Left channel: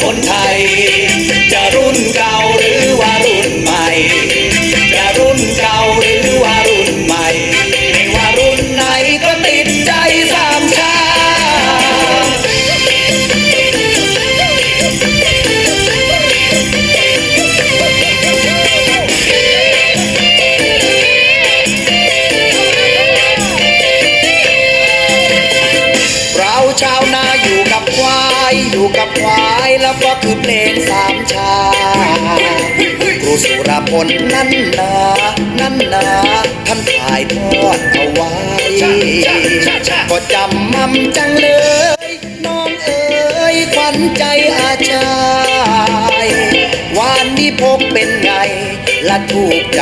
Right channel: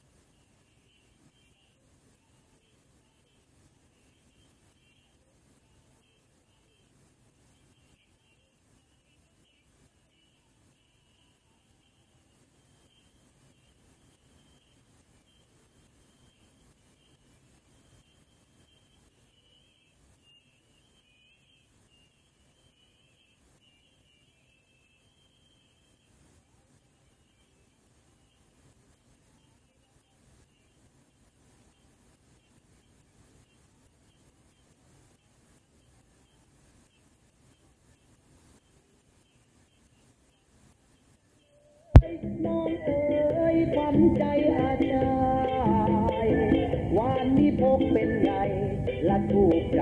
คนไทย กับควายแล้วก็คือเพลงสามชาครูสุรพลนั่นนานั่นนาท่านถ่ายทอดเอาไว้ก็จำมั่มจังเลย น้องเอ๋ยขวัญใจอาชายหวานนี้พกเป็นไง ละถูกใจ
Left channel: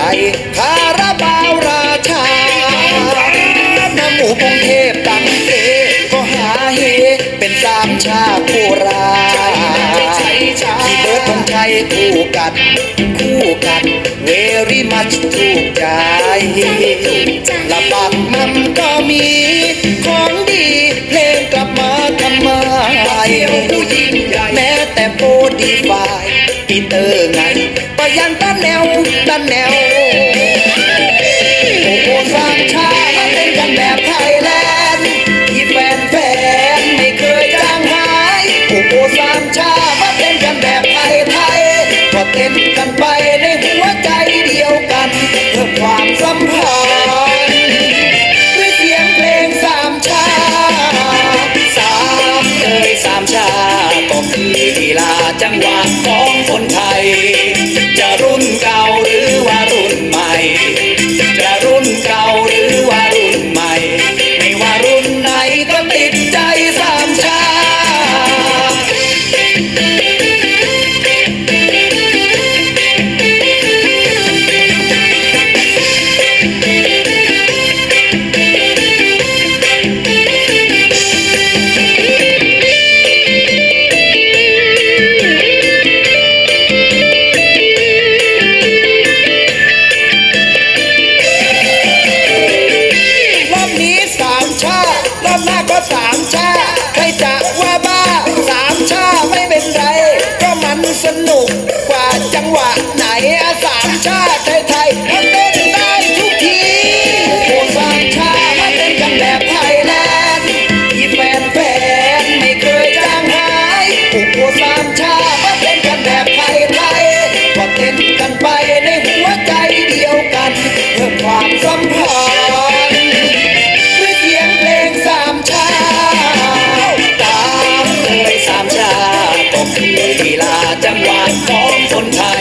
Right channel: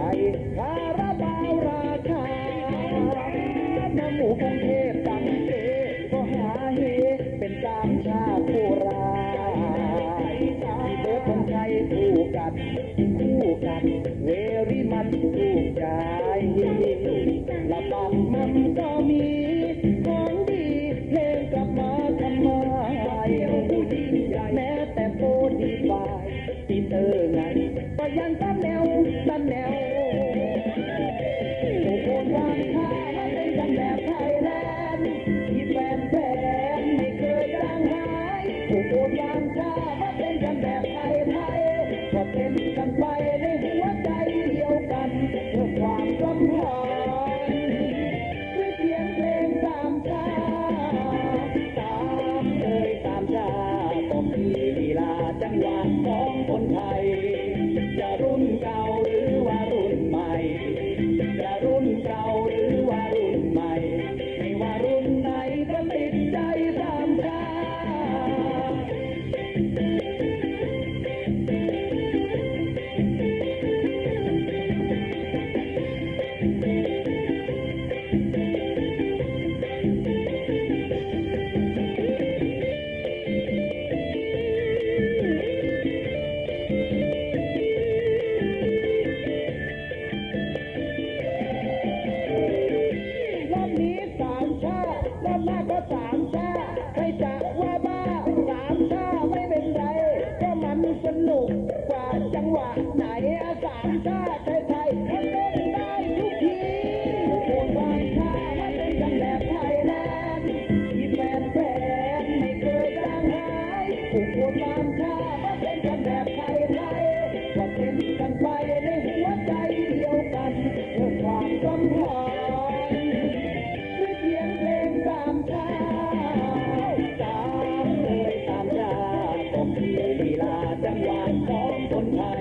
คาราบาวราชาน้ำหมูพงเทพตังเอก็หาเฮเป็นสามชาโค คู่กันคู่กันเวรี่มัชถูกใจละบักมันก็มี สนุกกว่าจังหวะไหนอะสามชาติ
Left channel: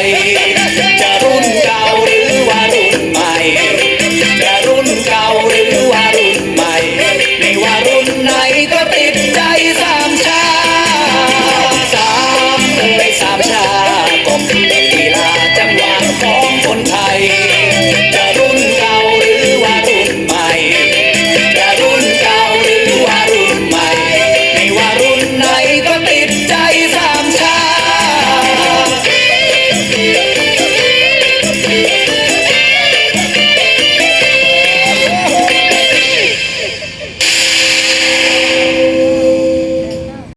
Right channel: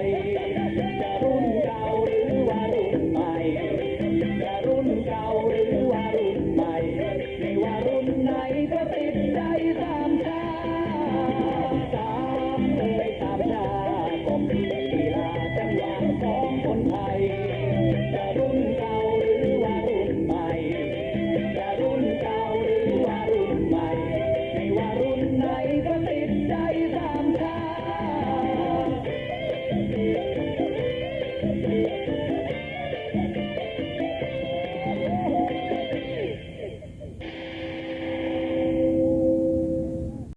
Hey.